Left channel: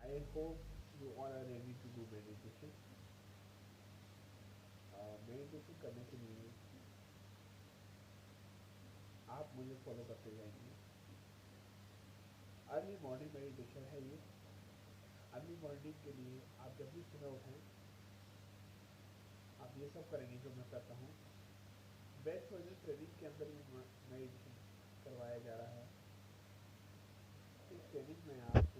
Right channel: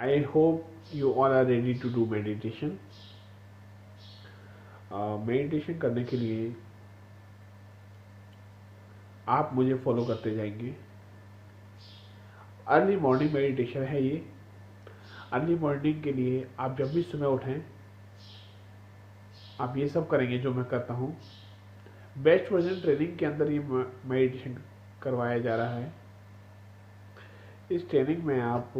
I hope you all are ready to do meditation. Meditation करने के लिए आप मुझे फॉलो करते जाएंगे। अर्ली मॉर्निंग मेडिटेशन है ये। अर्ली मॉर्निंग के लिए आप जब भी सुबह उठें आप ये सब करेंगे जो मैं करता हूँ। बेस्ट वर्जन ट्रेनिंग के अंदर ये मेडिटेशन करवाया जा रहा है। इस ट्रेनिंग में आप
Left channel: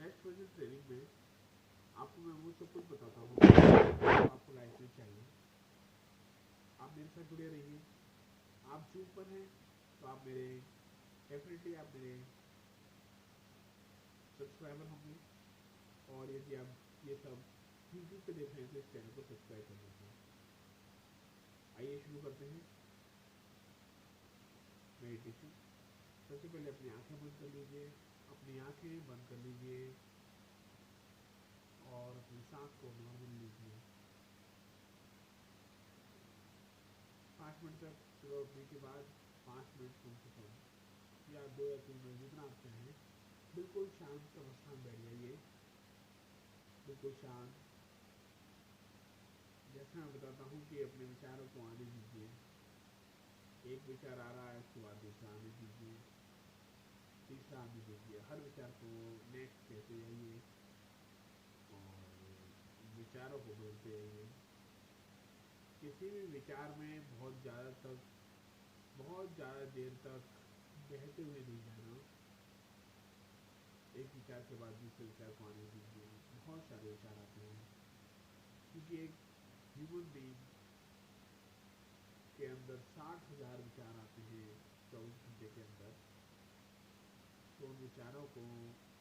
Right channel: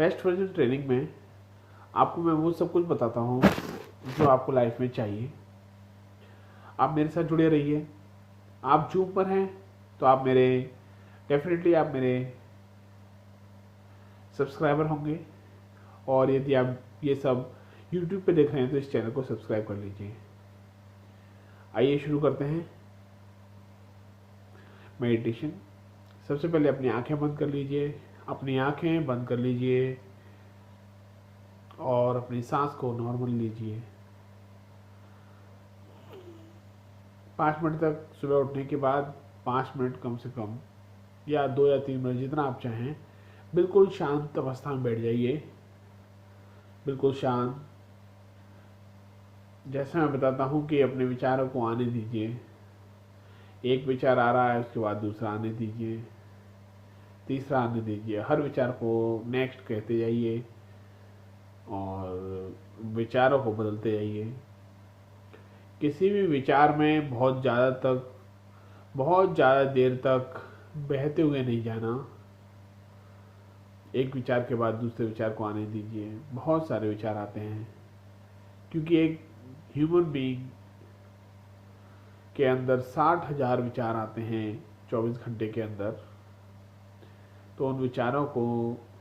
बेस्ट वर्जन ट्रेनिंग में आपको मैं वो सब कुछ बताता हूँ जो आपको लाइफ में चाहिए। आप मेरे साथ जुड़े रहिए। आप जूम पर हैं तो आप मेरे डेफिनेटली आप मेरे सब्सक्राइबर होंगे, और यदि आप ये सब यूट्यूब पे देख रहे हैं तो इस चैनल को सब्सक्राइब कर लीजिए। आइए शुरू करते हैं मेडिटेशन। सबसे पहले अपनी आंखें बंद कर लीजिए। अपनी आंखें बंद कर लीजिए और अपनी सांस को नॉर्मल लीजिए। 5 मिनट तक सुबह उठने के बाद 5 मिनट कम से कम, या 2 या 3 मिनट जितना आप चाहें, बिल्कुल शांत अवस्था में बैठ जाइए। बिल्कुल शांत। जैसे मैं बताता हूँ कि अपने विचारों को आने दीजिए। एक विचार आ रहा है उसके बाद दूसरा आने दीजिए, तीसरा आने दीजिए। हर विचार को नेक्स्ट कहते जाइए और विचारों को बदलते जाइए। किसी भी विचार में बहुत ज़्यादा देर तक बहते हुए नहीं जाना। एक विचार के बाद दूसरे विचार को आने दीजिए। बहुत सारे विचार आते हैं क्योंकि एक ह्यूमन बीइंग के अंदर 60,000 विचार आते हैं 24 घंटे के अंदर। तो उन विचारों को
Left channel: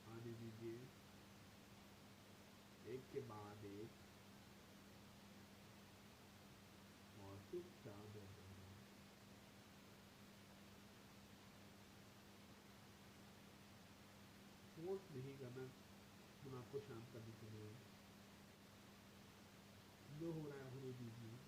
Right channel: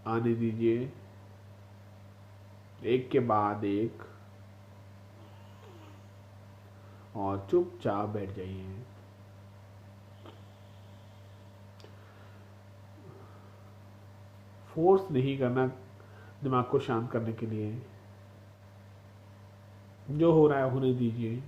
आने दीजिए एक के बाद एक, और चुपचाप बैठ जाइए। फोर्स नहीं करना दिमाग को शांत करने के लिए। जो हो रहा है होने दीजिए।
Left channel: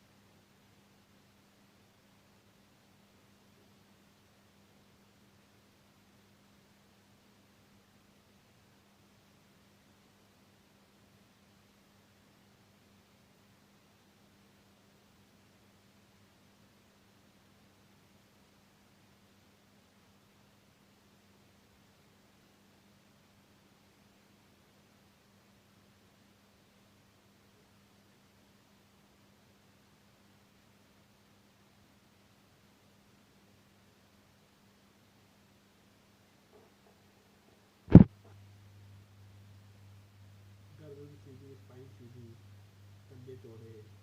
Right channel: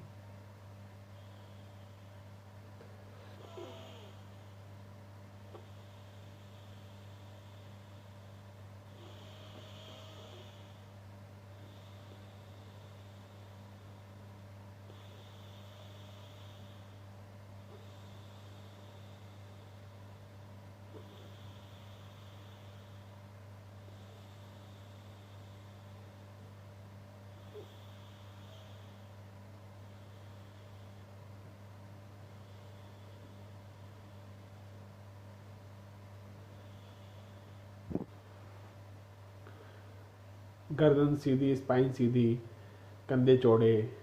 गर्दन सीधी, स्पाइन सीधी, कंधे चौड़े।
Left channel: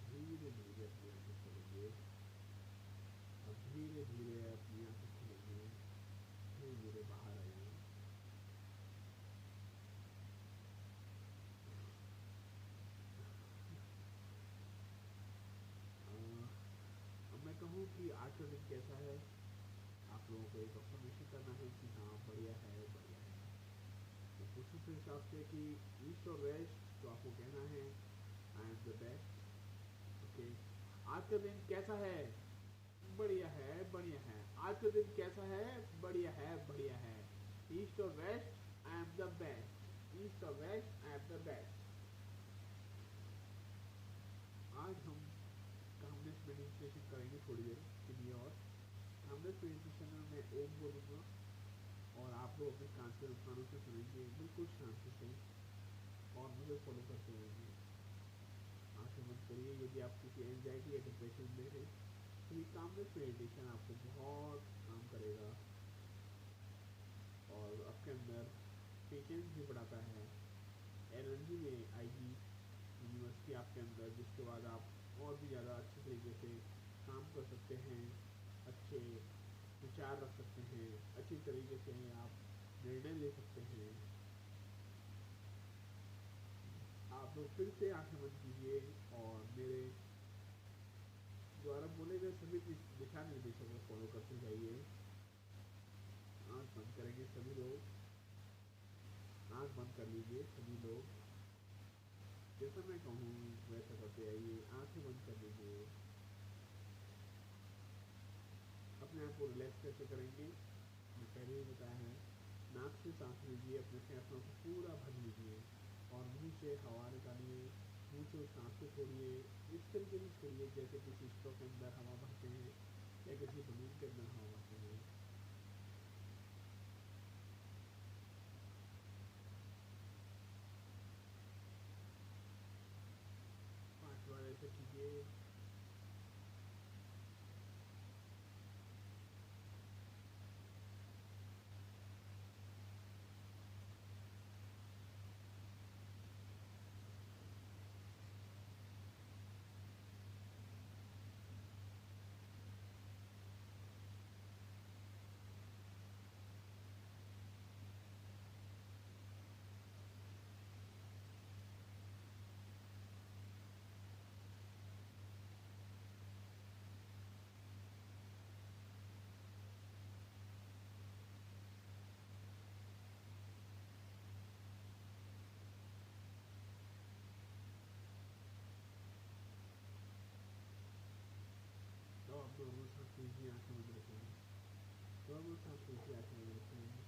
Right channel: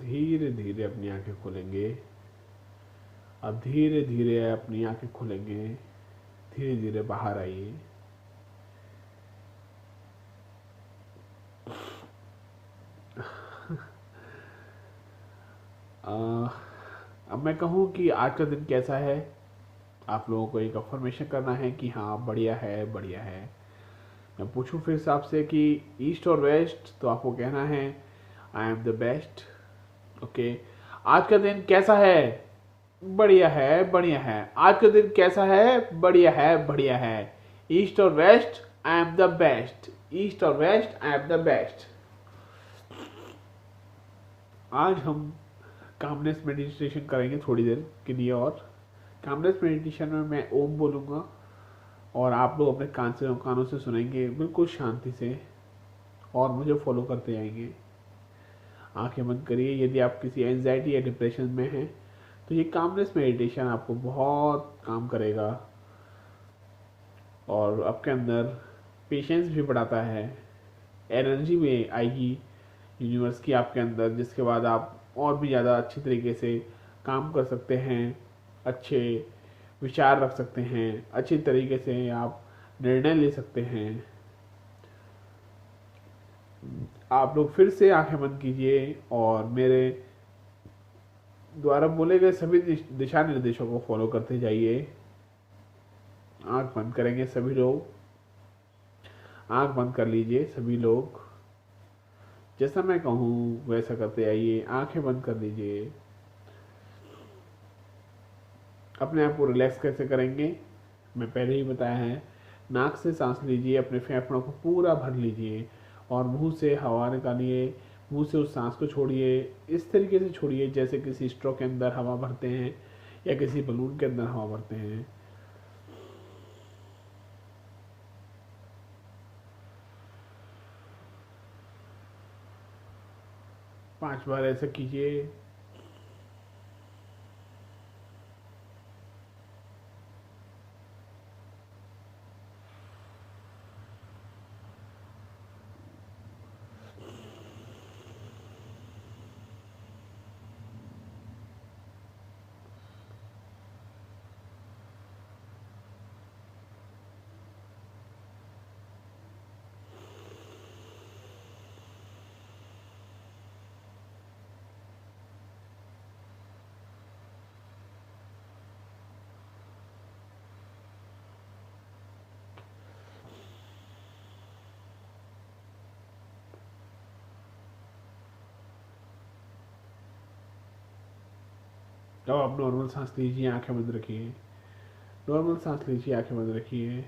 धीरे धीरे अपनी आंखें खोलेंगे। अब धीरे धीरे अपनी आंखें खोलेंगे। धीरे धीरे बाहर आइए। अब मैं कहूँ कि आज का दिन कैसा है, आप लोगों को एक अफर्मेशन करना है कि हाँ बढ़िया है बढ़िया है। मैं पूछूं फिर से आपसे कि ईस्ट और वेस्ट, तो आपको कहना है आई एम द बेस्ट। ओके। आज का दिन कैसा है? बढ़िया है बढ़िया है। आज का दिन कैसा है? बढ़िया है बढ़िया है। ईस्ट और west, I am the best. East और west, I am the best. आज हम कामनेस मेडिटेशन करेंगे थोड़ी देर के लिए। और कामनेस मेडिटेशन में मैं ओम बोलूँगा और आप लोग अपने कानों से सुनेंगे बिल्कुल शांति से। और मुझे फॉलो करते जाएंगे। आंखें बंद करिए। यदि आप किसी एंजाइटी या डिप्रेशन में हैं तो ये कामनेस मेडिटेशन आपको बहुत काम करेगा और आपके अंदर पेशेंस भी बढ़ाता है। एनर्जी में आएगी यूनिवर्स की आपके अंदर, जिसके बाद आप और भी ज़्यादा अच्छी तरीके से काम कर सकते हैं, अच्छे विचार रख सकते हैं, अच्छी तरीके से आप निर्णय ले सकते हैं। आप लोग फिर से आंखें बंद कीजिए और मेरे द्वारा बोले गए सभी दिशा निर्देशों को फॉलो करते जाइए। आंख बंद करेंगे सभी लोग। आंख बंद कर लीजिए सभी लोग। जैसा मैं कहूँ वैसा करते आइए। आंखें बंद कर लीजिए। अपने आप को रिलैक्स कैसे करेंगे मैं पहले ही बताया है। नाक से सांस लीजिए, अपने फेफड़ों को पूरा भर लीजिए और मुंह से हवा निकालिए। मुंह से उस सांस को छोड़िए। इस तरीके से छोड़िए जैसे किसी स्ट्रॉ के अंदर हवा भरते हैं या किसी बलून के अंदर हवा भरते हैं। 5 बार ऐसा कीजिए। अब आप नॉर्मल सांस लीजिए, आंखें बंद रखिए। नॉर्मल सांस लीजिए, आंखें बंद रखिए।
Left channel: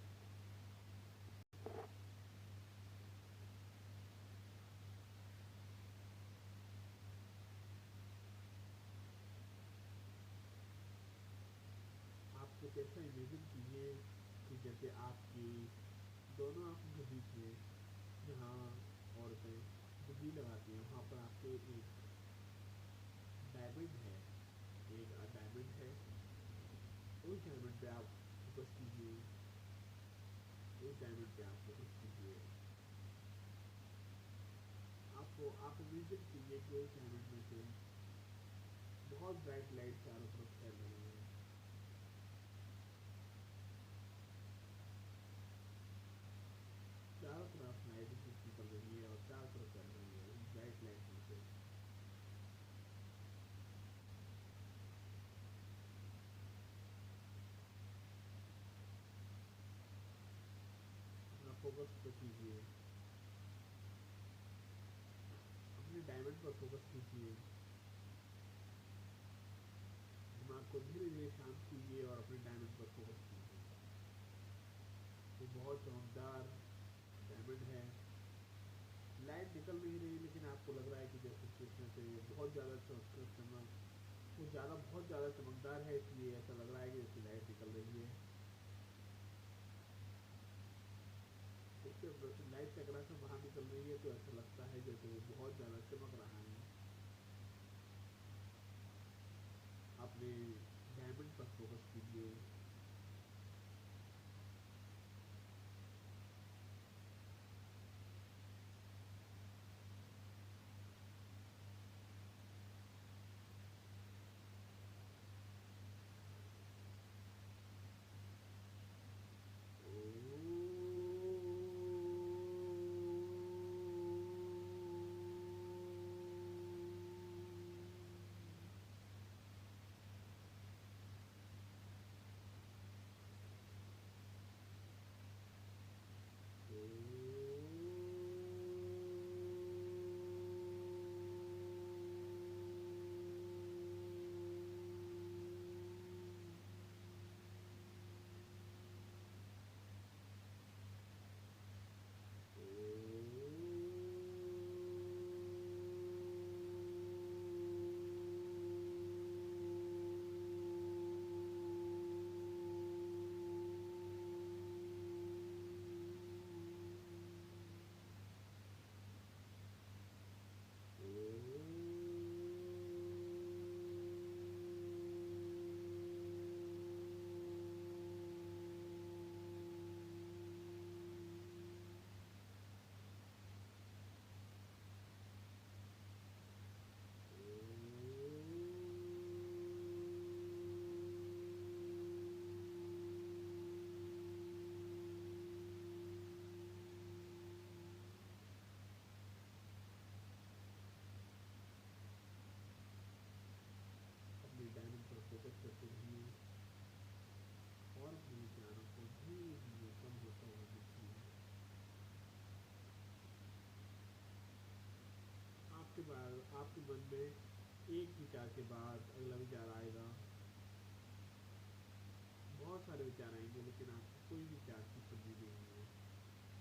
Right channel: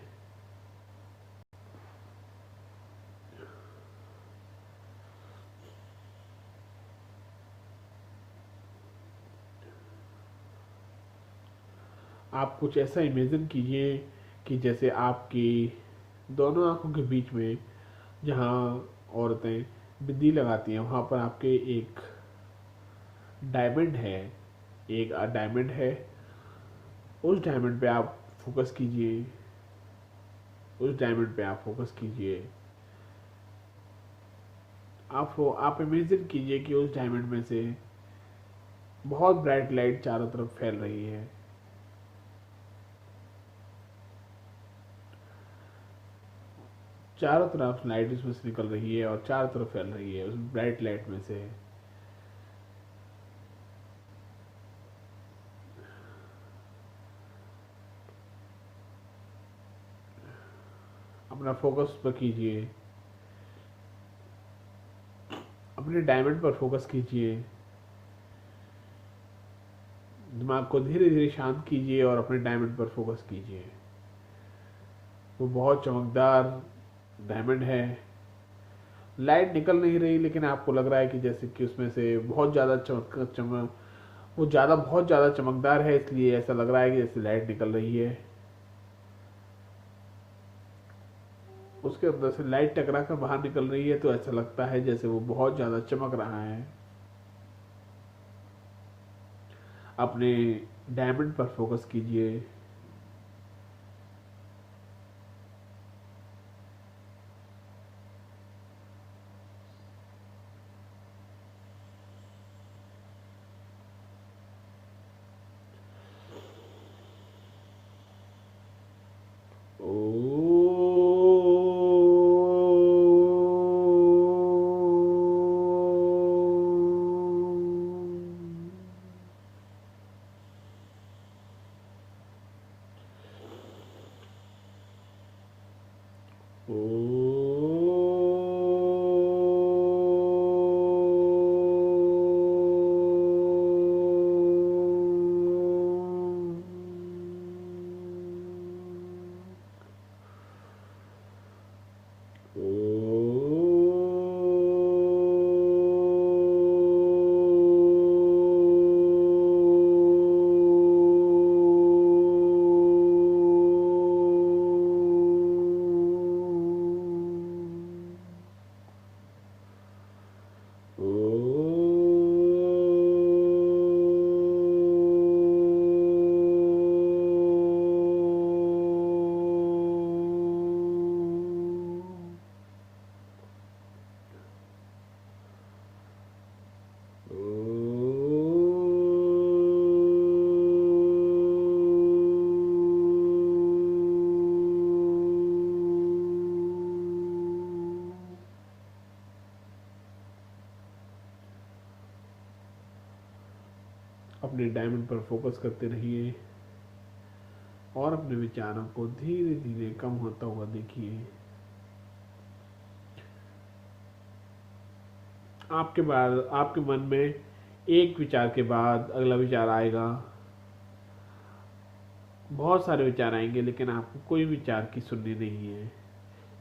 आप कुछ ऐसा इमेजिन कीजिए कि जैसे आपकी दोनों आंखों के बीच में, जहाँ औरतें बिंदी लगाती हैं, वहाँ पर आपके एक डायमंड है। एक डायमंड है। उस डायमंड पे आप फोकस कीजिए। उस डायमंड पे आप फोकस कीजिए। आप इमेजिन कीजिए कि उस डायमंड में से बहुत ब्राइट लाइट चारों तरफ फैल रही है। चारों तरफ लाइट उसमें से निकल रही है और चारों तरफ फैल रही है उस ब्राइट लाइट में से। अपना फोकस पर कीजिए। अपने डायमंड पर फोकस कीजिए। दिमाग को धीरे धीरे शांत कीजिए और अपने डायमंड पर फोकस कीजिए। वो बहुत चमकदार डायमंड है। लाइट निकल नहीं रही लेकिन आपको लग रहा है कि जैसे कि उसमें से बहुत ज़्यादा चमक वो ज़्यादा बहुत ज़्यादा चमकदार है, इसलिए ऐसा लग रहा है कि जैसे लाइट निकल रही है। उसके अंदर से लाइट टकरा कर बाहर निकल रही है तो ऐसा लगता है जैसे वो बहुत ज़्यादा चमक रहा है। अपने डायमंड पर फोकस कीजिए। अपने डायमंड पर फोकस करते रहिए और अपने विचारों को धीरे धीरे कम होता हुआ देखिए। आपके मन में एक विचार के बाद अगला विचार आएगा, बहुत सारे विचार आएंगे लेकिन आपको कोई विचार की सुननी नहीं है।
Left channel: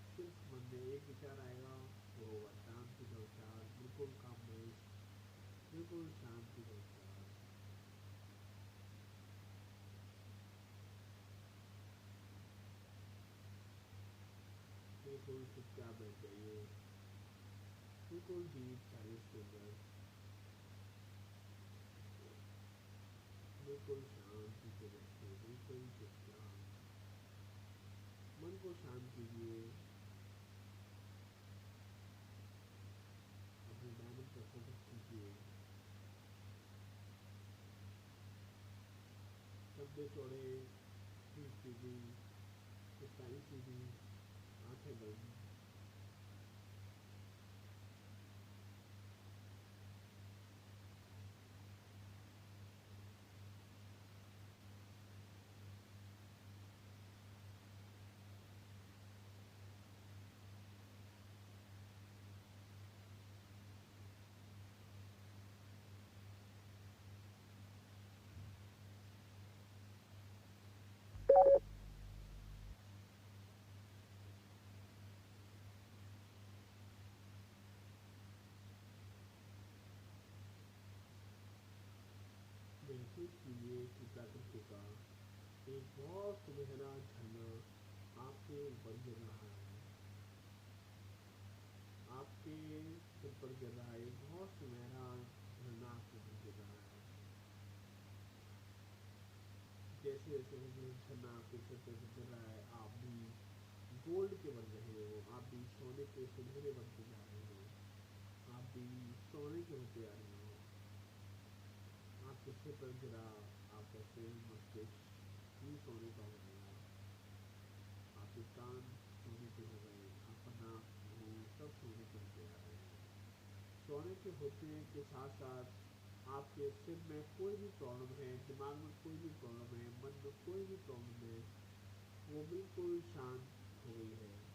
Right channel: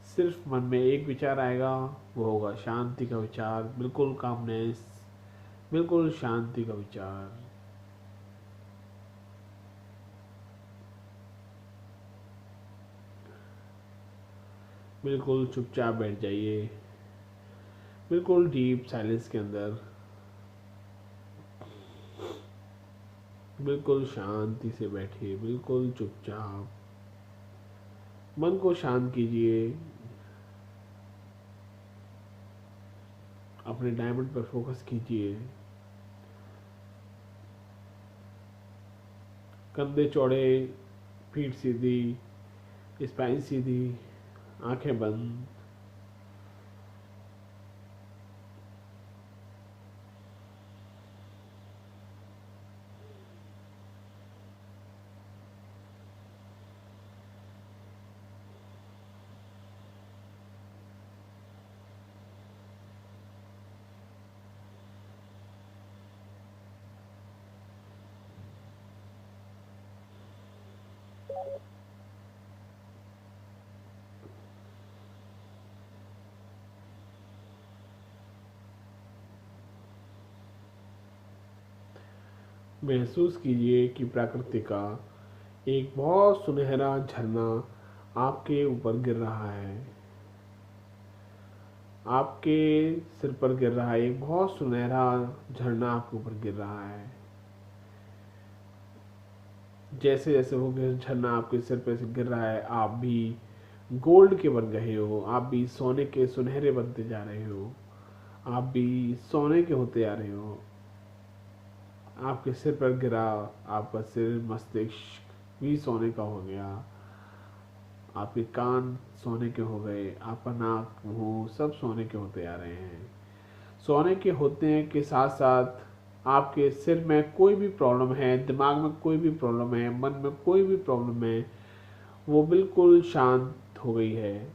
सिर्फ मन में एक विचार आएगा, वो होगा शांति का विचार, बिल्कुल कामनेस, बिल्कुल शांति का विचार। बिल्कुल चुपचाप बैठ जाइए, बिल्कुल डीप साइलेंस के अंदर, बिल्कुल शांति से बैठिए, बिल्कुल चुपचाप। मन को शांत कीजिए, अपने डायमंड पर फोकस कीजिए। कंधे चौड़े, पीठ सीधी, स्पाइन सीधी, आंखें बंद। महसूस कीजिए कि प्रकृति का एक बहुत सुनहरा झरना आपके ऊपर गिर रहा है। आपके सिर पर गिर रहा है, एक बहुत सुनहरा झरना आपके ऊपर गिर रहा है। जैसे जैसे वो झरना आपके सिर पर से गिर रहा है, आप भी गोल्ड के बन रहे हो, आप भी सोने के सुनहरे बनते जा रहे हो, आप भी सोने के होते आ रहे हो। आपके सिर पर गिरा, आपका सिर मस्तिष्क भी सोने का हो गया, आपके कान सोने के हो गए, आपका नाक मुंह सब सोने के होते आ रहे हैं। सोने के होते के साथ साथ आपके सिर में कोई भी प्रॉब्लम है, दिमाग में कोई भी प्रॉब्लम है, मन में कोई भी प्रॉब्लम है, वो बिल्कुल शांत हो गई है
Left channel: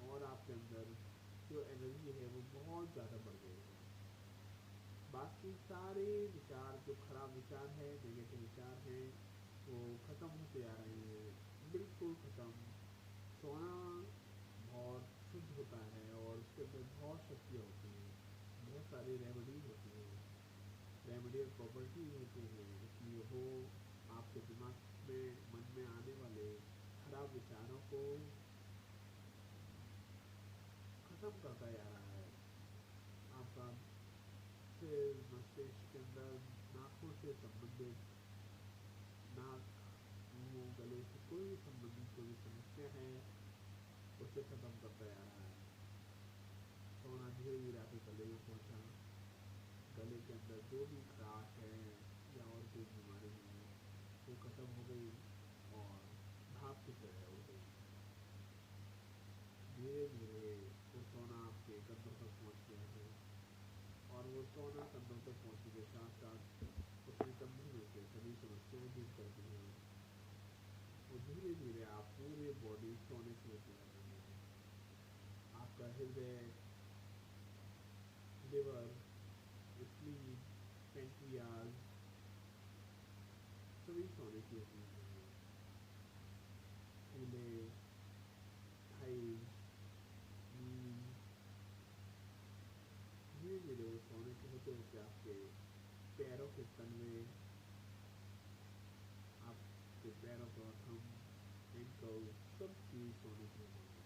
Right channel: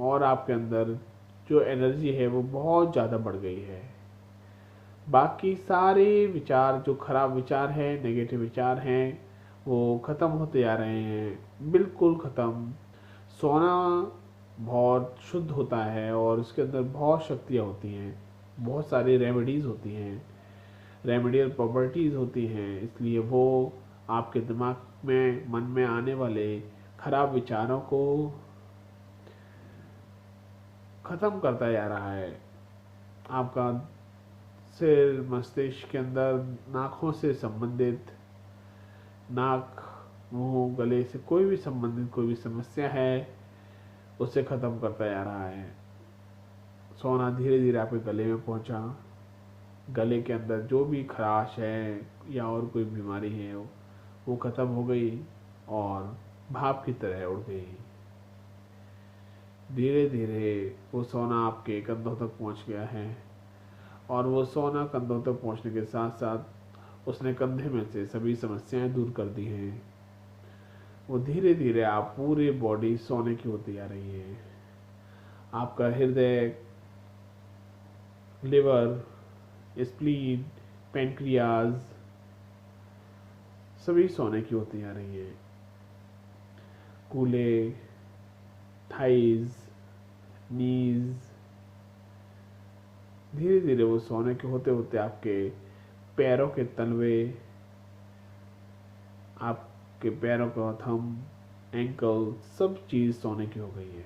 और आपके अंदर जो एनर्जी है वो बहुत ज़्यादा बढ़ गई है। बाकी सारे विचार जो खराब विचार हैं, नेगेटिव विचार हैं, वो ख़त्म होते आ रहे हैं, बिल्कुल ख़त्म। सोना बहुत शुद्ध होता है और उसके अंदर बहुत शक्तियाँ होती हैं, बहुत सारी रेमेडीज़ होती हैं, रेमेडियल प्रॉपर्टीज़ होती हैं, इसलिए वो आपके दिमाग में मन में आने वाले खराब विचारों को ख़त्म करता जा रहा है। आपका सिर मस्तिष्क के अंदर नाखों से संबंधित, नाक मुंह गले से कोई भी संबंधित कोई भी समस्या है उसे ख़त्म करता जा रहा है। सोना धीरे धीरे आपके गले में पहुंचा, गले के अंदर जो भी खराश है या और कोई बीमारी है वो ख़त्म हो गई और भाप की तरह उड़ गई। धीरे धीरे वो सोना आपके कंधों तक पहुंच गया है और वो सोना कंधों तक पहुंचने के साथ साथ उसने कंधे में से सभी समस्याएं दूर कर दी हैं। वो धीरे धीरे आप पूरी बॉडी सोने की होती जा रही है। आपका हृदय, लिवर, स्प्लीन, पेनक्रियाज सभी सोने की होती जा रही है। कूल्हे, थाइज, नीज धीरे धीरे वो सोने के होते होते आपके पैरों के तलवे, आपके पैरों का थंब, एंकल सब चीज़ सोने की हो गई है।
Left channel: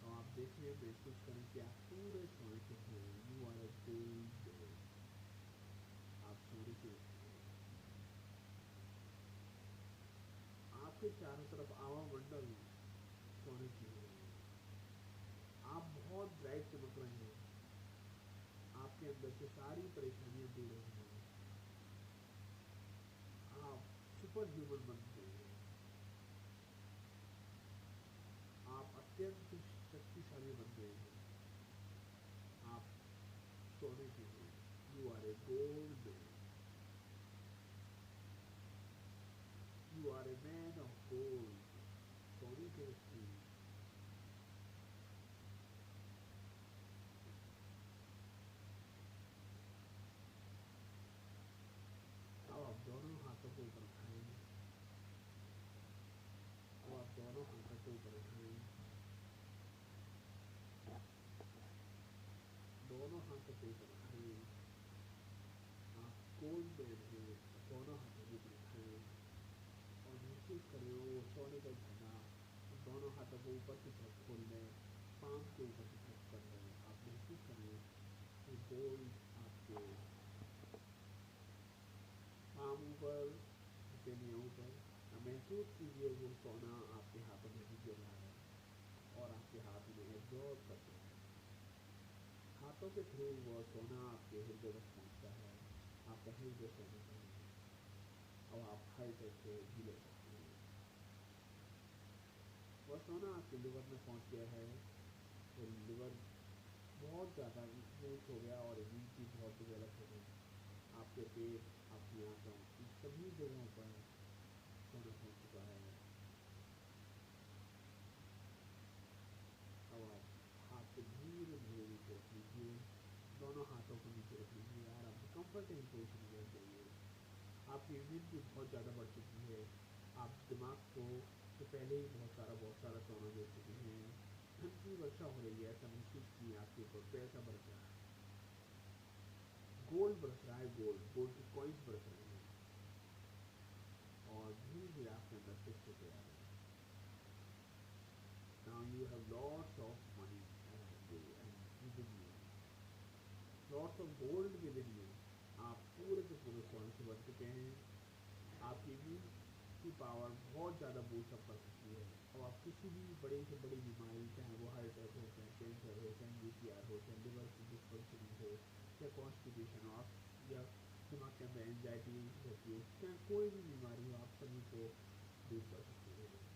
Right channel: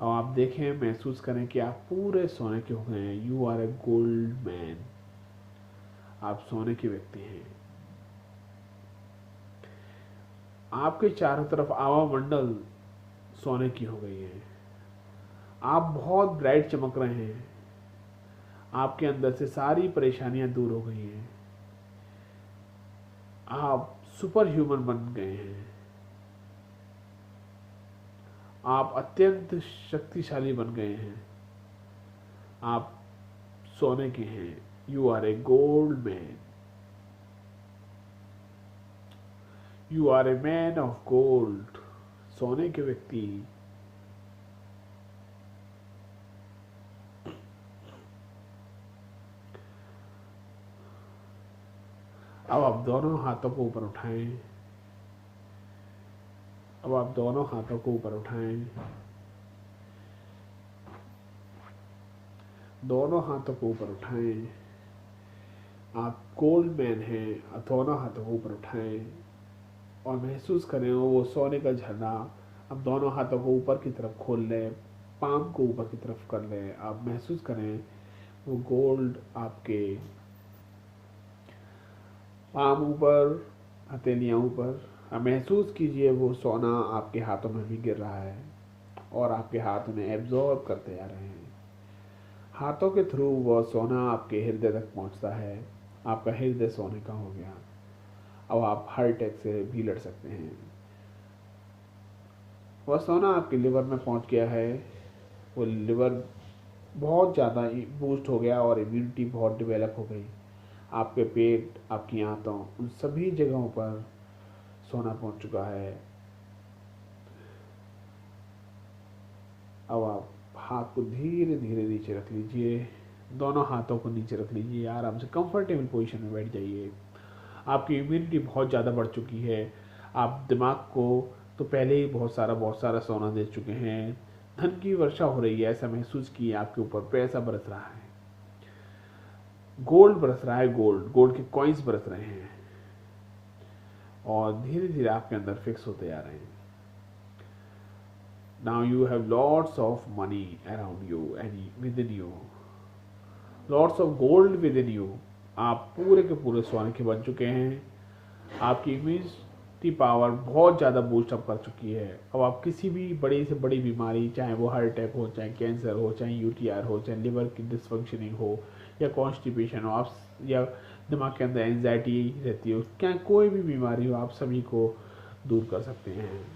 अब आप देखें, महसूस करें कि आप पूरे सोने के हो गए हैं। You are a gold man, आप सोने के व्यक्ति हैं। आपके चारों तरफ आवा मंडल सोने की हो गई है। आप बहुत ब्राइट चमक रहे हैं, आपके अंदर से सारी परेशानियां दूर हो गई हैं, आप सुपर ह्यूमन बन गए हैं, आप अत्यंत शक्तिशाली बन गए हैं, आप सोने के हैं। You are a gold man. You are a man of gold, सोने के व्यक्ति। अब आप दोनों हाथों को ऊपर उठाएं। अब आप दोनों हाथों को ऊपर उठाएं। दोनों हाथों को ऊपर उठाएं। आप गोल्ड मैन हैं। दोनों हाथों को ऊपर उठाएं और महसूस करें वो सोने का झरना। अब दोनों हाथों को ऊपर की तरफ खोल लें, पाम को ऊपर की तरफ कर लें। आप महसूस करें वो गोल्ड आपके पाम ऊपर, हथेलियाँ ऊपर। अब महसूस कीजिए वो सोना आपके हाथों में भी गिर रहा है और आपके हाथ में एब्जॉर्ब करते जा रहे हैं। हाथों के थ्रू वह सोना आपके हृदय तक पहुंचता है। आपका हृदय सोने का हो गया। अब आप हार्ट अटैक से भी लड़ सकते हैं। वह सोना आपके लिवर में पहुंच गया है। वो लिवर बहुत ज़्यादा बूस्ट हो गया और इम्यूनिटी बहुत डेवलप हो गई। आपके पेट, आपकी आंतों, उन सभी जगहों पर सोना पहुंच चुका है। अब आप हाथ को धीरे धीरे नीचे रख लीजिए। दोनों हाथों को नीचे रख लीजिए। आराम से कंफर्टेबल पोजीशन में बैठ जाइए। आपकी इम्यूनिटी बहुत ज़्यादा बढ़ चुकी है। आप दिमाग को तो पहले ही बहुत सारा सोना दे चुके हैं। धन की वर्षा हो रही है, ऐसा महसूस किए। आपके ऊपर पैसा बरस रहा है, गोल्ड बरस रहा है। गोल्ड गोल्ड के कॉइन्स बरस रहे हैं और धीरे धीरे आपके अंदर फिक्स होते जा रहे हैं। Now you have lots of money around you and within you. Lots of gold within you. आप पूरे के पूरे सोने के बन चुके हैं। आपकी इम्यूनिटी पावर बहुत ज़्यादा बूस्टअप कर चुकी है। अब आप किसी भी बड़ी से बड़ी बीमारी, चाहे वो हार्ट अटैक हो, चाहे कैंसर हो, चाहे यूटीआर हो, चाहे लिवर की डिसफंक्शनिंग हो या कॉन्स्टिपेशन हो, आप या दिमाग के अंदर एंजाइटी रहती हो, क्या कोई भी बीमारी हो, आप सभी को दूर कर सकते हैं।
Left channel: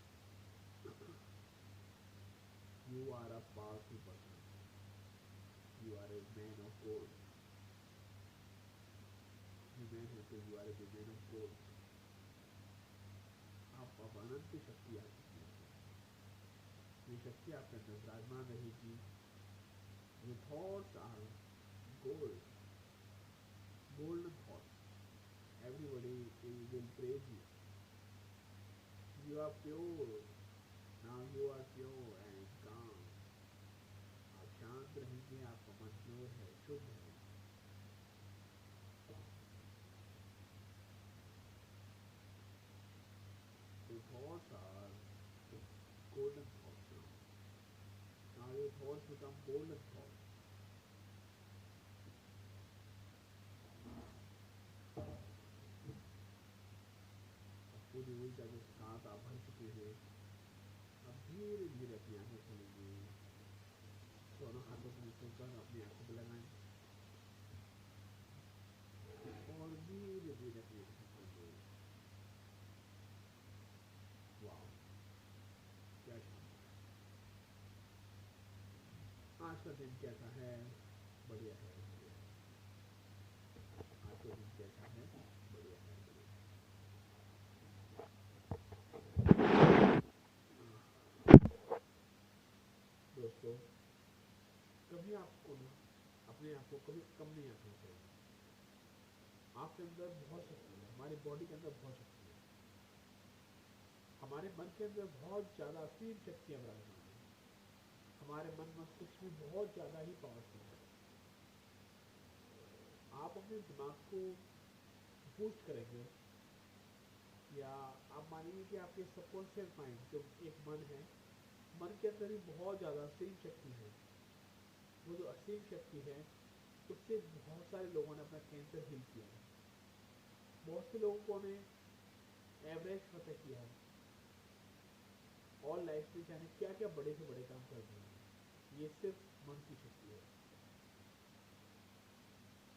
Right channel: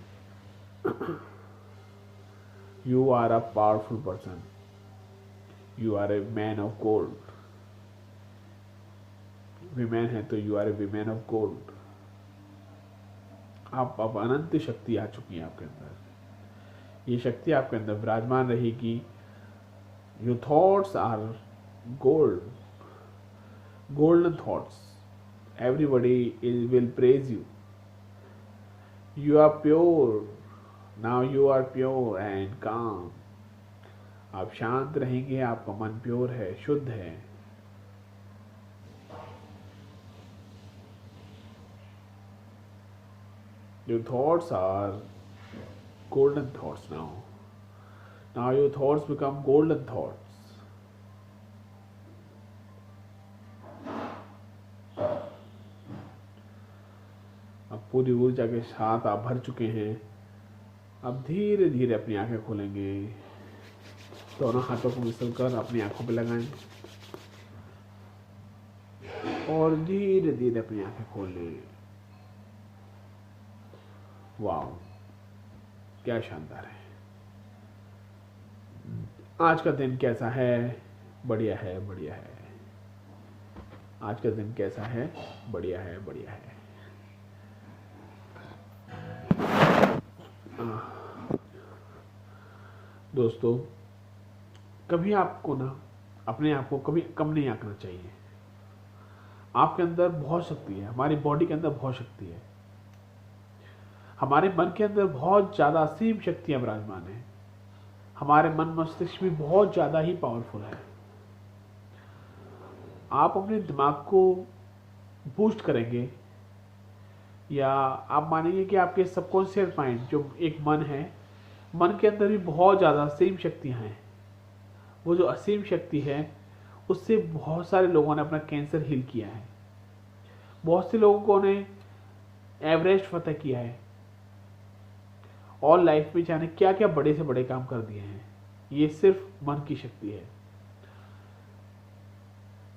You are a powerful person. You are a man of gold. Women है तो you are a woman of gold. आप अब अनंत शक्ति आ चुकी है आपके अंदर। ये शक्ति आपके अंदर विराजमान रहेगी। Your thoughts are gold, golden thoughts. Everybody will praise you. You are pure. Now you are pure and calm. आप शांत रहेंगे। आपका मन प्योर है, शुद्ध है। Your thoughts are golden thoughts now. Now your thoughts become golden thoughts. अब पूरी ऊर्जा के साथ आप भर चुके हैं। अब धीरे धीरे अपनी आंखें खोलेंगे। दोनों हाथों को मिलकर अपनी आंखों पर लगाएं और धीरे धीरे अपनी आंखें खोल लें। वाह, क्या शानदार है। आज का दिन कैसा है? बढ़िया है, बढ़िया है। आज का दिन कैसा है? बढ़िया है, बढ़िया है। दोस्तों, कभी आपको ना अपने आप को कभी कम नहीं आंकना चाहिए। आपके अंदर बहुत शक्ति है। हमारी बॉडी के अंदर बहुत शक्ति है। हमारे मन के अंदर बहुत ज़्यादा असीम शक्तियाँ विराजमान हैं। हमारे मन मस्तिष्क भी बहुत ज़्यादा ही पावरफुल है। आप अपने दिमाग को बूस्ट करेंगे या आप मानेंगे कि आपके सबकॉन्शियस माइंड जो एक मन है, मन के अंदर भी बहुत ज़्यादा असीम शक्तियाँ हैं। वो जो असीम शक्ति है उससे बहुत सारे लोगों ने अपना कैंसर हील किया है। बहुत से लोगों ने एवरेस्ट फतह किया है और लाइफ में जाने क्या क्या बड़े से बड़े काम कर दिए हैं। ये सिर्फ मन की शक्ति है।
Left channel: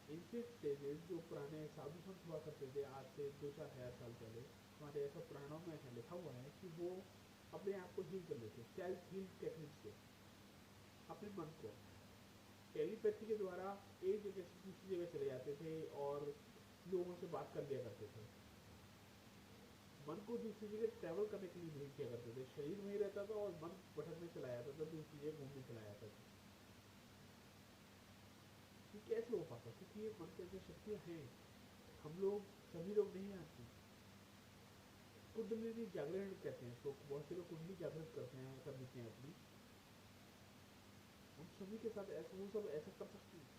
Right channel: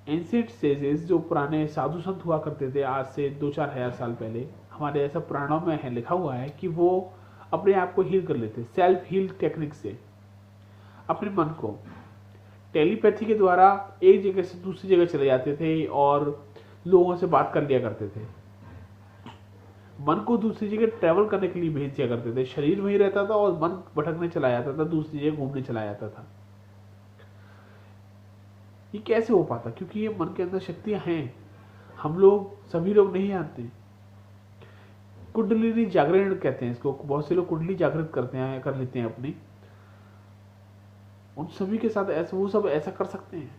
एंशिएंट सेजेस, जो पुराने साधु संत हुआ करते थे आज से 2-4 हजार साल पहले, हमारे ऐसा पुराणों में है, लिखा हुआ है कि वो अपने आप को हील कर लेते, सेल्फ हील टेक्निक से अपने मन को टेलीपैथी के द्वारा एक जगह से दूसरी जगह चले जाते थे और लोगों से बात कर लिया करते थे। मन को दूसरी जगह ट्रैवल करने के लिए भेज दिया करते थे, शरीर वहीं रहता था और मन भटकने चला जाता था, दूसरी जगह घूमने चला जाता था। ये कैसे हो पाता? क्योंकि ये मन के अंदर शक्तियां हैं, हम लोग सभी लोग नहीं जानते। कुंडलिनी जागरण कहते हैं इसको, बहुत से लोग कुंडली जागृत करते हैं, कर लेते हैं अपनी। उन सभी के साथ ऐसा, वो सब ऐसा कर सकते हैं।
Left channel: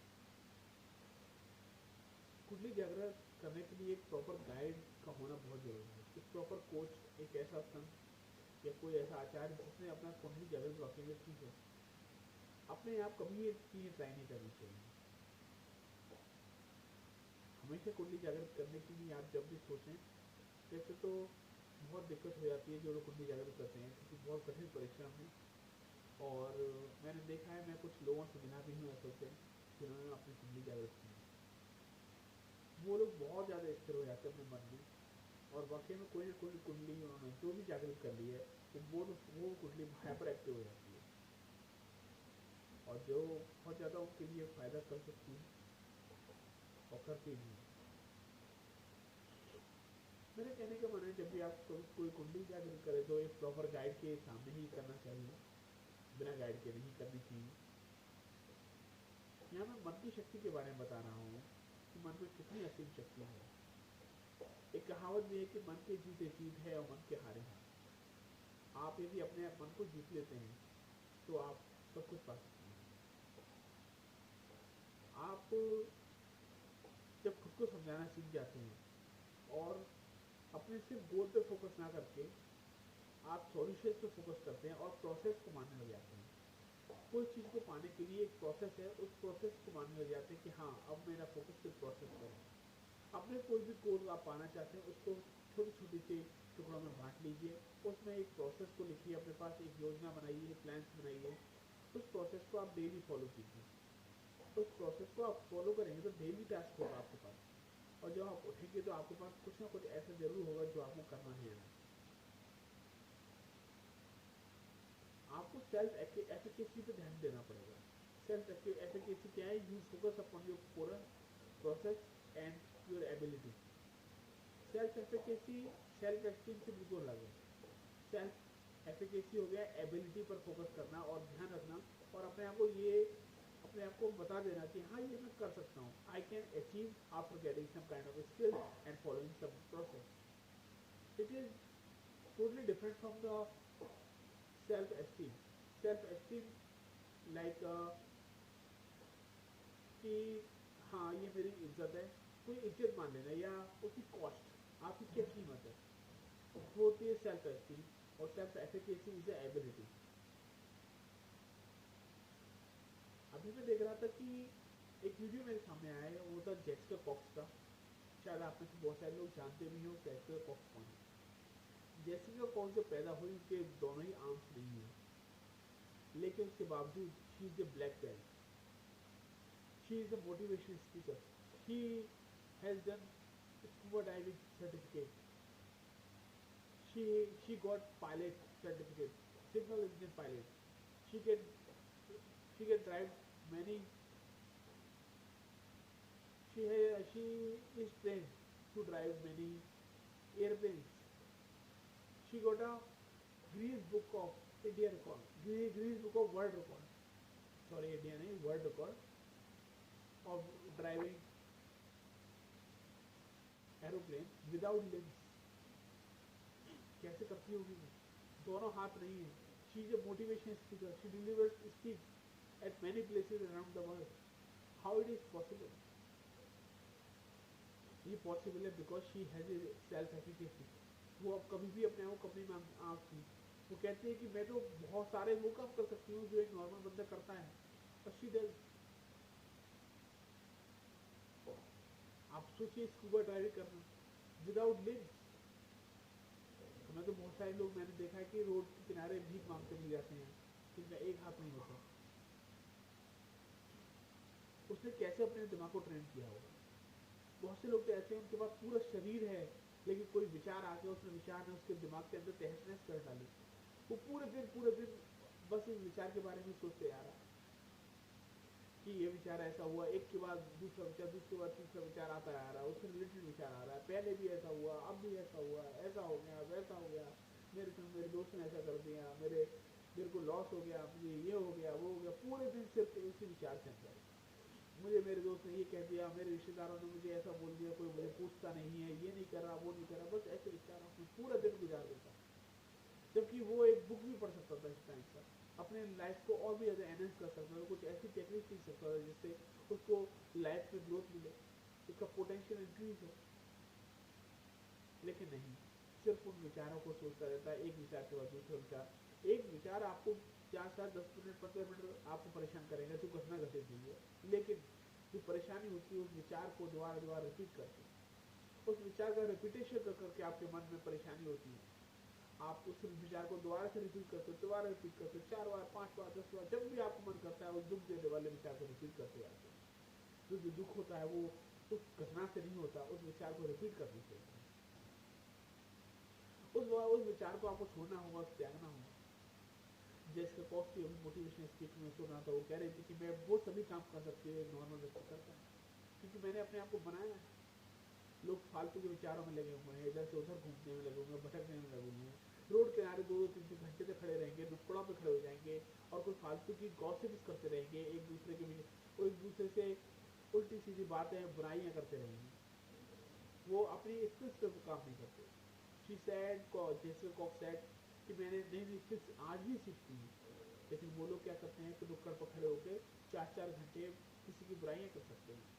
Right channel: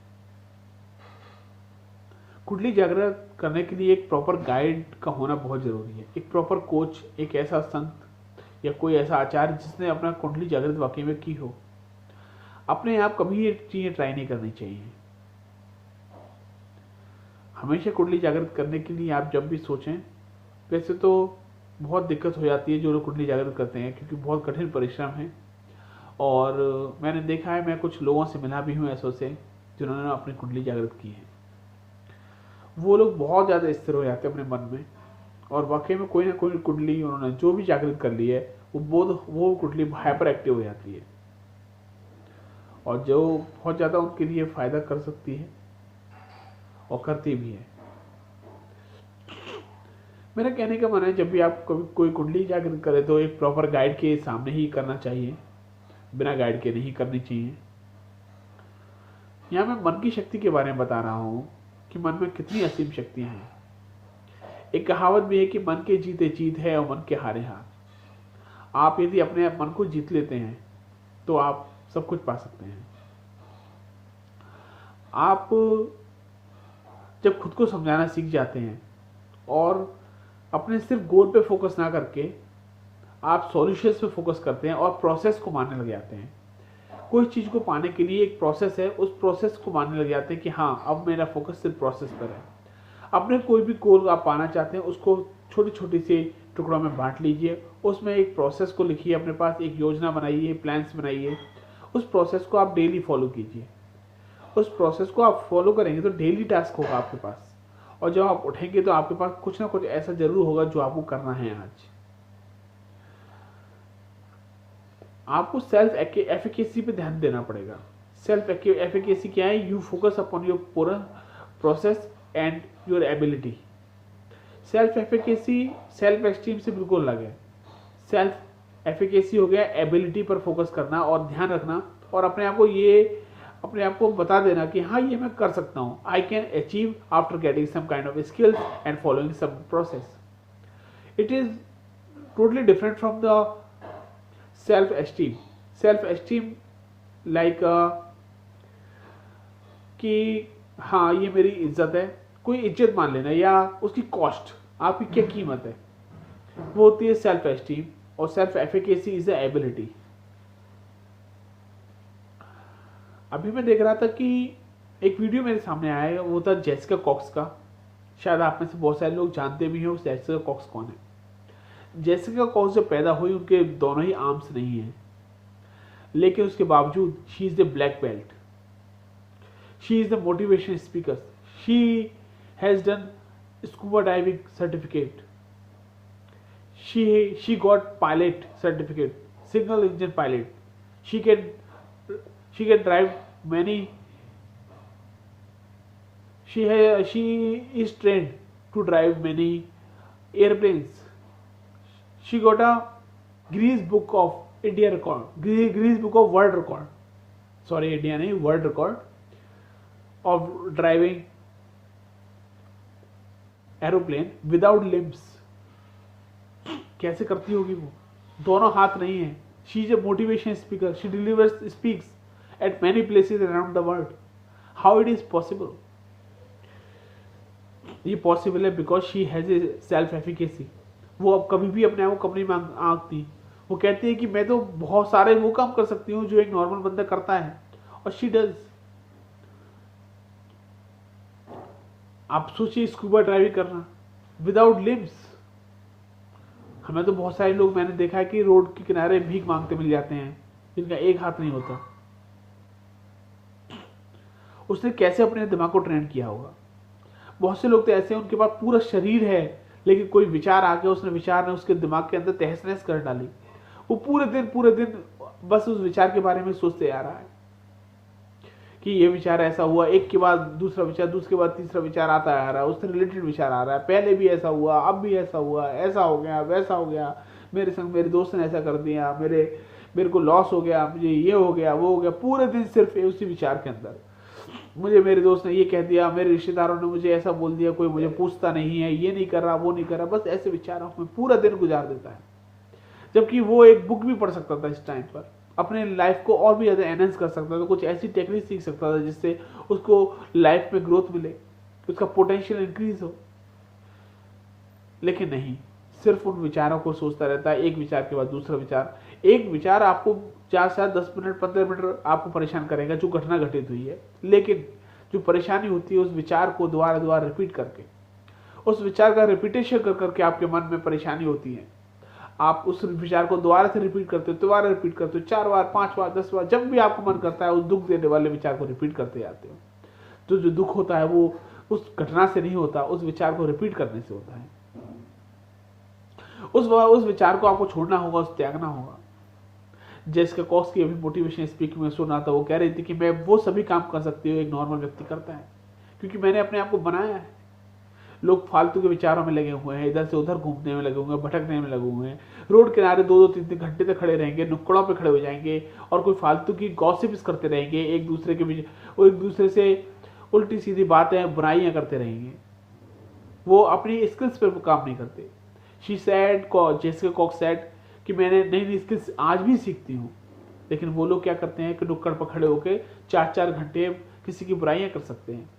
कुंडली जागृत करने के लिए एक प्रॉपर गाइड का होना बहुत जरूरी है, एक प्रॉपर कोच, एक ऐसा संत या कोई ऐसा आचार्य जिसने अपना कुंडली जागृत वाकई में की हो। अपने आप कभी ये चीजें ट्राई नहीं करनी चाहिए। हमेशा कुंडली जागृत करने के लिए आप जब भी सोचें, वैसे तो बहुत दिक्कत हो जाती है जो लोग कुंडली जागृत करते हैं, क्योंकि बहुत कठिन परिश्रम है। और मैंने देखा है, मैं कुछ लोगों से मिला भी हूँ ऐसों से जिन्होंने अपनी कुंडली जागृत की है। वो लोग बहुत ज़्यादा स्थिर हो जाते हैं अपने मन में, और वाकई में कोई ना कोई कुंडली उन्होंने जो भी जागृत कर ली है वो कुंडली हाइपर एक्टिव हो जाती है, और जो बहुत ज़्यादा उनके लिए फ़ायदा कर सकती है और करती भी है। मेरा कहने का मन है, जब भी आप कभी कोई कुंडली जागृत करें तो एक प्रॉपर गाइड के सामने ही करना चाहिए, बिना गाइड के नहीं करनी चाहिए। यहाँ मैं मन की शक्ति के बारे में बता रहा हूँ कि मन में कितनी असीम शक्तियां हैं। एक कहावत भी है कि मन के जीते जीत है और मन के हारे हार। आप यदि अपने मन को जीत लेते हैं तो आप सब कुछ पा सकते हैं। आप जब खुद को समझाना सीख जाते हैं और अपने सिर्फ गोल पे फोकस ना करके आप सॉल्यूशंस पे फोकस करते हैं और प्रोसेस को मानने लग जाते हैं। कोई चीज़ को पाने के लिए एक प्रोसेस है, उस प्रोसेस को मानने लग जाते हैं कि हाँ, अब मेरा फोकस सिर्फ प्रोसेस पर है। अपने कोई भी गोल आप पाना चाहते हैं उसको छोटी छोटी सी टुकड़ों में बांट लीजिए, उसमें एक प्रोसेस को लिखिए, अपने पास एक योजना बनाइए, प्लान्स बनाइए, उस प्रोसेस को आप डेली फॉलो कीजिए। उस प्रोसेस को आप फॉलो करेंगे तो डेली टास्क होगा आपके पास, और जब आप उठेंगे तो आपके पास कुछ ना कुछ ऐसा जरूर होगा जो आपको करना है। आज आपको सेल्फ एफिकेसी पे ध्यान देना पड़ेगा। सेल्फ एफिकेसी क्या है? यू फोकस अपॉन योर पूरा process and your ability. Self efficacy self esteem से बिल्कुल अलग है। सेल्फ एफिकेसी हो गया एबिलिटी पर फोकस करना और ध्यान रखना, और अपने आप को बता देना कि हाँ, ये मैं कर सकता हूँ। I can achieve after getting some kind of skills and following some process. It is totally different from the self esteem. Self esteem like कि हाँ, ये मेरी इज्जत है, कोई इज्जत मान लेना, या उसकी कॉस्ट, आपकी क्या कीमत है, वो होती है सेल्फ एस्टीम। और self efficacy is the ability. अभी मैं देख रहा था कि एक वीडियो मेरे सामने आया है, वो था जेसिका कॉक्स का। शायद आप में से बहुत सारे लोग जानते भी हो जेसिका कॉक्स कौन है। जेसिका कॉक्स जब पैदा हुई उनके दोनों ही आर्म्स नहीं हैं, लेकिन उसके बावजूद she is the black belt, she is the motivation speaker, she has done scuba diving certificate, she got pilot certificate, single engine pilot. she can drive many, she is trained to drive many airplanes. She got a Guinness Book of India record, Guinness Book of World record, sorry, India नहीं, world record of driving aeroplane without limbs. कैसे करती होगी वो? दोनों हाथ नहीं है। She is a motivation speaker, she delivers speaks eight many places around the world. How it is possible? ये पॉसिबल है because she has a self efficacy. वो अब कभी भी अपने आप को कम नहीं आंकती। वो कहती है कि मैं तो बहुत सारे वो काम कर सकती हूँ जो एक नॉर्मल बंदा करता है, और शी डज। आप सोचिए, स्कूबा ड्राइविंग करना विदाउट लिम्स। हमें तो बहुत सारे लोग मैंने देखा है कि रोड के किनारे भीख मांगते मिल जाते हैं जिनका एक हाथ नहीं होता। उसने कैसे अपने दिमाग को ट्रेन किया होगा? बहुत से लोग तो ऐसे हैं, उनके पास पूरा शरीर है, लेकिन कोई विचार आ गया, विचार ने उसके दिमाग के अंदर तहस नहस कर डाली। वो पूरे दिन बस उस विचार के बारे में सोचते आ रहा है कि ये विचार ऐसा हुआ, एक के बाद दूसरा विचार, दूसरे के बाद तीसरा विचार आता आ रहा है, उससे रिलेटेड विचार आ रहा है, पहले भी ऐसा हुआ, अब भी ऐसा हुआ, ऐसा हो गया, वैसा हो गया, मेरे संग मेरे दोस्त ने ऐसा कर दिया, मेरे को लॉस हो गया, मुझे ये हो गया, वो हो गया, पूरे दिन सिर्फ उसी विचार के अंदर। मुझे मेरे दोस्त ने ये कह दिया, मेरे रिश्तेदारों ने मुझे ऐसा बोल दिया, कोई मुझे पूछता नहीं है, ये नहीं कर रहा, वो नहीं कर रहा, बस ऐसे विचारों में पूरा दिन गुजार देता है। जबकि वो एक बुक भी पढ़ सकता था इस टाइम पर, अपने लाइफ को और भी ज़्यादा एनहेंस कर सकता था, कुछ ऐसी टेक्निक सीख सकता था जिससे उसको लाइफ में ग्रोथ मिले, उसका पोटेंशियल इंक्रीज हो। लेकिन नहीं, सिर्फ उन विचारों को सोचता रहता है, एक विचार के बाद दूसरा विचार। एक विचार आपको 4 से 10 मिनट 15 मिनट आपको परेशान करेगा जो घटना घटित हुई है, लेकिन जो परेशानी होती है उस विचार को दोबारा दोबारा रिपीट करके, उस विचार का रिपीटेशन कर करके आपके मन में परेशानी होती है। आप उस विचार को दोबारा से रिपीट करते हो, दोबारा रिपीट करते हो, 4 बार 5 बार 10 बार, जब भी आपको मन करता है उस दुख देने वाले विचार को रिपीट करते जाते हो। तो जो दुख होता है वो उस घटना से नहीं होता, उस विचार को रिपीट करने से होता है। उस विचार को आपको छोड़ना होगा, उस त्यागना होगा। जेसिका कॉक्स की अभी मोटिवेशन स्पीकिंग में सुना था, वो कह रही थी कि मैं वो सभी काम कर सकती हूँ एक नॉर्मल व्यक्ति करता है, क्योंकि मैंने अपने आप को बनाया है। लोग फालतू के विचारों में लगे हुए हैं, इधर से उधर घूमने में लगे हुए हैं, भटकने में लगे हुए हैं, रोड किनारे 2-2 3-3 घंटे तक खड़े रहेंगे, नुक्कड़ों पे खड़े हो जाएंगे और कोई फालतू की गॉसिप्स करते रहेंगे, एक दूसरे से उल्टी सीधी बातें बुराइयां करते रहेंगे। वो अपनी स्किल्स पर काम नहीं करते। जेसिका कॉक्स सेड कि मैंने नई नई स्किल्स आज भी सीखती हूँ, लेकिन वो लोग क्या करते हैं कि नुक्कड़ पर खड़े होकर 4-4 घंटे किसी की बुराइयां कर सकते हैं,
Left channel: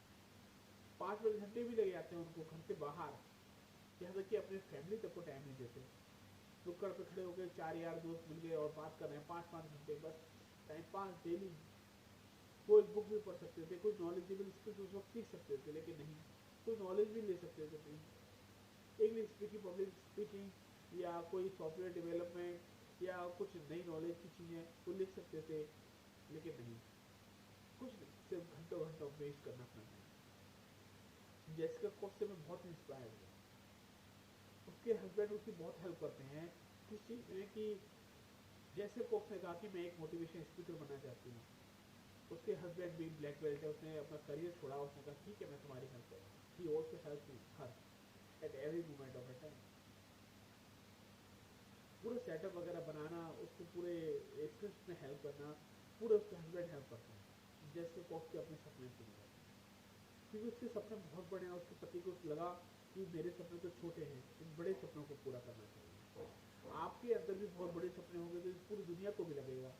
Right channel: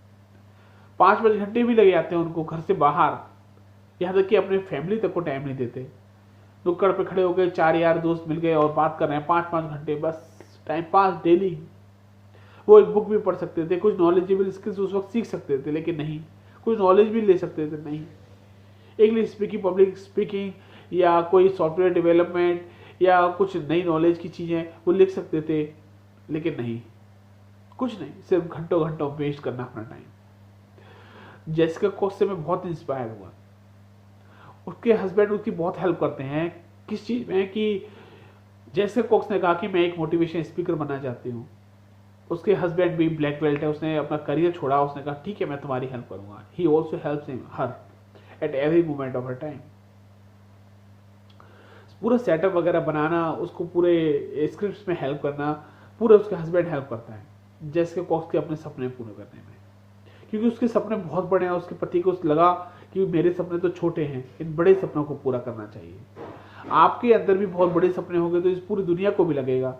5-5 घंटे भी लग जाते हैं उनको घर से बाहर, यहाँ तक कि अपने फैमिली तक को टाइम नहीं देते। नुक्कड़ पे खड़े हो गए, 4 यार दोस्त मिल गए और बात कर रहे हैं 5-5 घंटे, बस टाइम पास डेली। वो एक बुक भी पढ़ सकते थे, कुछ नॉलेजेबल स्किल्स उस वक्त सीख सकते थे, लेकिन नहीं, कुछ नॉलेज भी ले सकते थे, नहीं। इंग्लिश स्पीकिंग, पब्लिक स्पीकिंग या कोई सॉफ्टवेयर डेवलपमेंट या कुछ नई नॉलेज की चीज़ें वो लिख सकते थे, लेकिन नहीं, कुछ नहीं, सिर्फ घंटों घंटों वेस्ट करना अपना टाइम। जेसिका कॉक्स से मैं बहुत इंस्पायर हुआ। उसके हस्बैंड उसकी बहुत हेल्प करते हैं, किस चीज़ में कि जेसिका कॉक्स ने कहा कि मैं एक मोटिवेशन स्पीकर बनना चाहती हूँ। उसके हस्बैंड भी ब्लैक बेल्ट है, उसने अपना करियर छोड़ा, उसने कहा ठीक है मैं तुम्हारी हेल्प करूंगा। He also helps her at every moment of her time. पूरा सेटअप वगैरह बनाना, उसको पूरे स्क्रिप्ट्स में हेल्प करना, पूरा उसके हस्बैंड हेल्प करता है जेसिका कॉक्स के अपने सपने पूरे करने में, क्योंकि उसके सपने बहुत बड़े हैं। उसके पति को लगा कि मेरे सपने तो छोटे हैं, इन बड़े सपनों को पूरा करना चाहिए। आपके अंदर भी बहुत बड़े सपने होंगे तो इस पूरी दुनिया को भी लगेगा,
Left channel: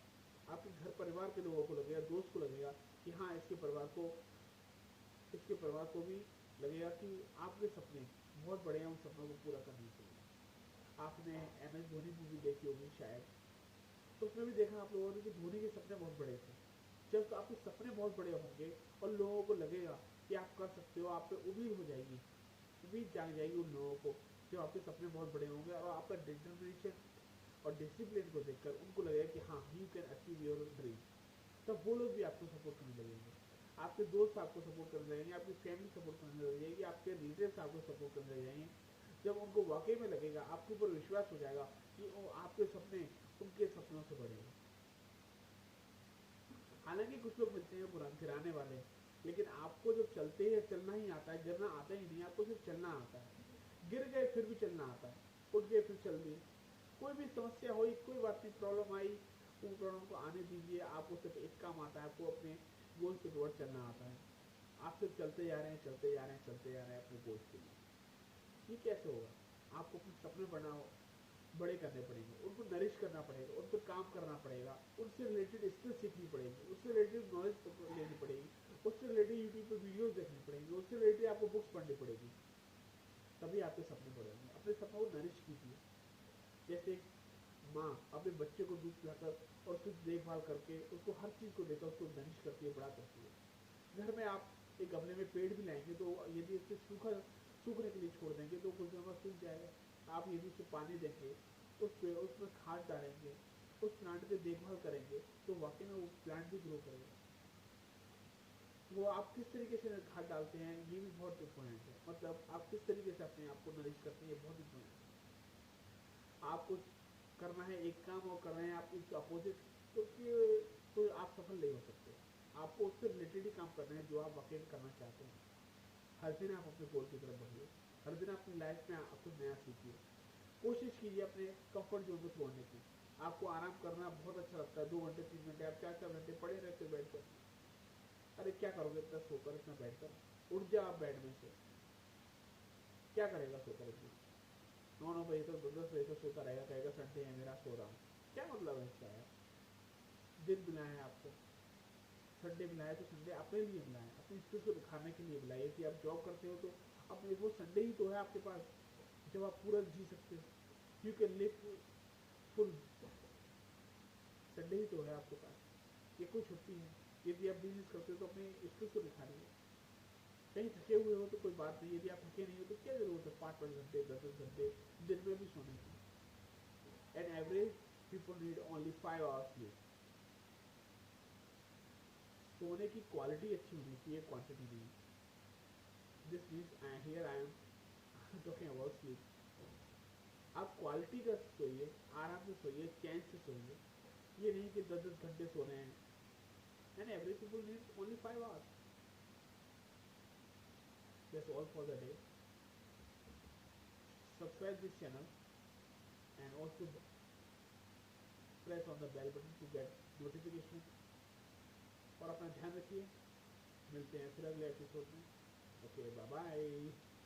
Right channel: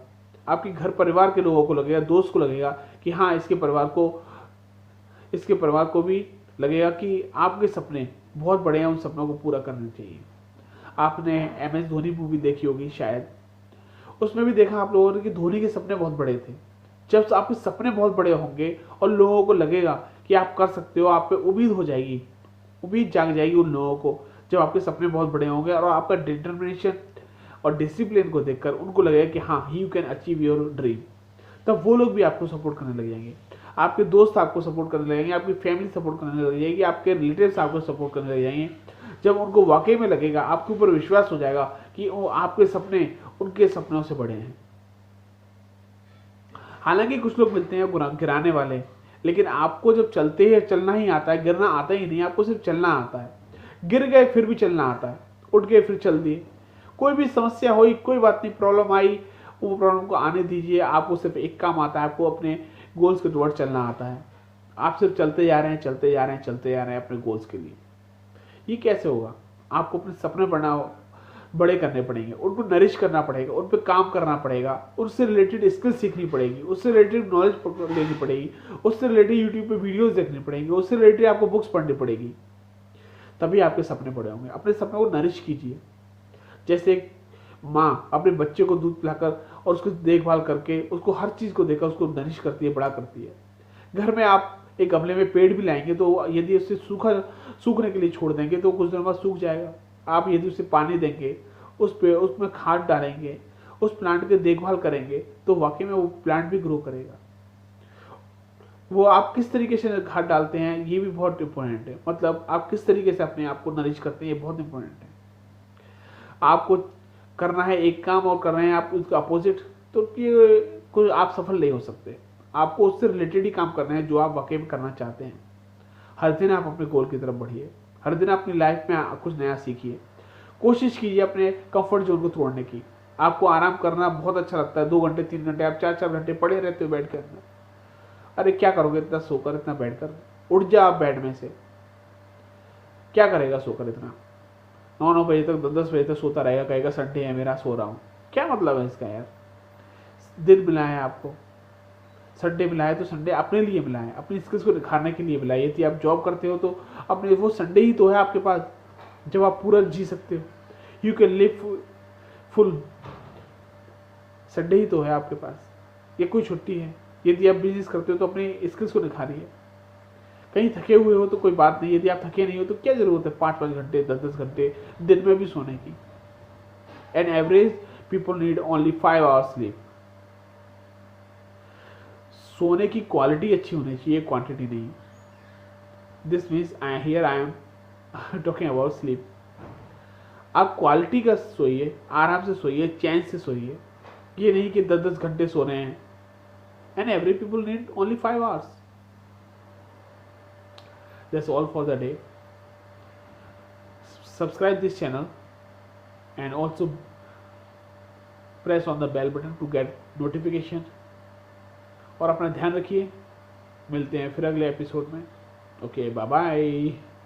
आपके घर परिवार के लोगों को लगेगा, दोस्त को लगेगा कि हाँ इसके परिवार को भी लगेगा कि आपके सपने बहुत बड़े हैं, उन सपनों को पूरा करना चाहिए। आपने MS धोनी मूवी देखी होगी शायद, उसमें भी देखा आप लोगों ने कि धोनी के सपने बहुत बड़े थे। जब आपके सपने बहुत बड़े होंगे और लोगों को लगेगा कि आप कर सकते हो, आप पे उम्मीद हो जाएगी, उम्मीद जाग जाएगी उन लोगों को। जब आपके सपने बहुत बड़े होंगे और आपका डिटर्मिनेशन और डिसिप्लिन को देखकर उनको लगेगा कि हाँ you can achieve your dream, तब वो लोग भी आपको सपोर्ट करने लग जाएंगे, आपके दोस्त आपको सपोर्ट करने लगेंगे, आपकी फैमिली सपोर्ट करने लग जाएगी, आपके रिलेटिव्स आपको सपोर्ट करने लग जाएंगे। जब उनको वाकई में लगेगा, आपके ऊपर विश्वास हो जाएगा कि वो आपके सपने उनके सपनों से बड़े हैं। हालांकि कुछ लोग मिलते हैं गिराने वाले, लेकिन आपको जब चलते हैं चलना ही आता है, गिरना आता ही नहीं, आपको सिर्फ चलना आता है। गिर गए फिर भी चलना आता है, उठ गए फिर चल दिए। कोई भी समस्या हुई, कोई बात नहीं, प्रॉब्लम आई, वो प्रॉब्लम को आने दीजिए। आपको सिर्फ एक काम आता है, आपको अपने गोल्स के टुवर्ड चलना आता है। आप सिर्फ चलते जा रहे हैं, चलते जा रहे हैं, चलते जा रहे हैं अपने गोल्स के लिए। ये कैसे होगा? आपको अपने सपने बड़े करने पड़ेंगे, उन पर नरिश करना पड़ेगा, उन पर काम करना पड़ेगा, उससे रिलेटेड स्किल सीखनी पड़ेगी, उससे रिलेटेड नॉलेज लेनी पड़ेगी, उससे रिलेटेड यूट्यूब पे वीडियोस देखनी पड़ेंगी, उससे रिलेटेड आपको बुक्स पढ़नी पड़ेगी, तभी आपके सपने बड़े होंगे। अपने सपने को नरिश कीजिए। जैसे एक माँ अपने बच्चे को दूध पिलाकर और उसकी देखभाल करके, उसको हर चीज़ को देकर उसको नरिश करती है, बड़ा करती है। घर में आप एक गमले में पेड़ भी लाएंगे तो यदि उसे सूखने के लिए छोड़ देंगे तो कुछ दिनों बाद सूख जाएगा। आप यदि उसे पानी देंगे, उसमें खाद डालेंगे, उस प्लांट की देखभाल करेंगे, तो वाकई में वो प्लांट भी ग्रो करेगा। वो आप किस तरीके से खाद डालते हैं ये भी बहुत इंपॉर्टेंट है। मतलब आप किस तरीके से अपने आप को नरिश करते हैं, ये बहुत इंपॉर्टेंट है। आपको करना है एक काम और कर रहे हैं आप उसका अपोजिट, तो ये कोई आप सफल नहीं हो सकते। आपको उससे रिलेटेड ही काम करना है जो आप वाकई में करना चाहते हैं। हर दिन आप अपने गोल की तरफ बढ़िए, हर दिन अपनी लाइफ में कुछ नया सीखिए, कोशिश कीजिए अपने कंफर्ट जोन को तोड़ने की। आपको आराम करना बहुत अच्छा लगता है, 2 घंटे 3 घंटे आप 4 4 घंटे पड़े रहते हो बेड के अंदर। अरे क्या करोगे इतना सोकर, इतना बैठ कर? उठ जा आप बेड में से, क्या करेगा सोकर इतना? 9 9 बजे तक 10 10 बजे तक सोता रहेगा, कहेगा संडे है मेरा, सो रहा हूँ। क्या मतलब है इसका यार? दिन मिला है आपको, संडे मिला है तो संडे अपने लिए मिला है, अपनी स्किल्स को निखारने के लिए मिला है। यदि आप जॉब करते हो तो अपने वो संडे ही तो है आपके पास जब आप पूरा जी सकते हो। You can live full, Sunday ही तो है आपके पास, ये कोई छुट्टी है। यदि आप बिजनेस करते हो तो अपनी स्किल्स को निखारिए। कहीं थके हुए हो तो कोई बात नहीं, यदि आप थके नहीं हो तो क्या जरूरत है 5 5 घंटे 10 10 घंटे दिन में भी सोने की। An average people need only 5 hours sleep. सोने की क्वालिटी अच्छी होनी चाहिए, क्वांटिटी नहीं। This means I am talking about sleep. आप क्वालिटी का सोइए, आराम से सोइए, चैन से सोइए। ये नहीं कि 10 10 घंटे सो रहे हैं। And every people need only 5 hours। That's all for the day. Subscribe this channel and also press on the bell button to get notification। और अपना ध्यान रखिए, मिलते हैं फिर अगले एपिसोड में। Okay, bye bye.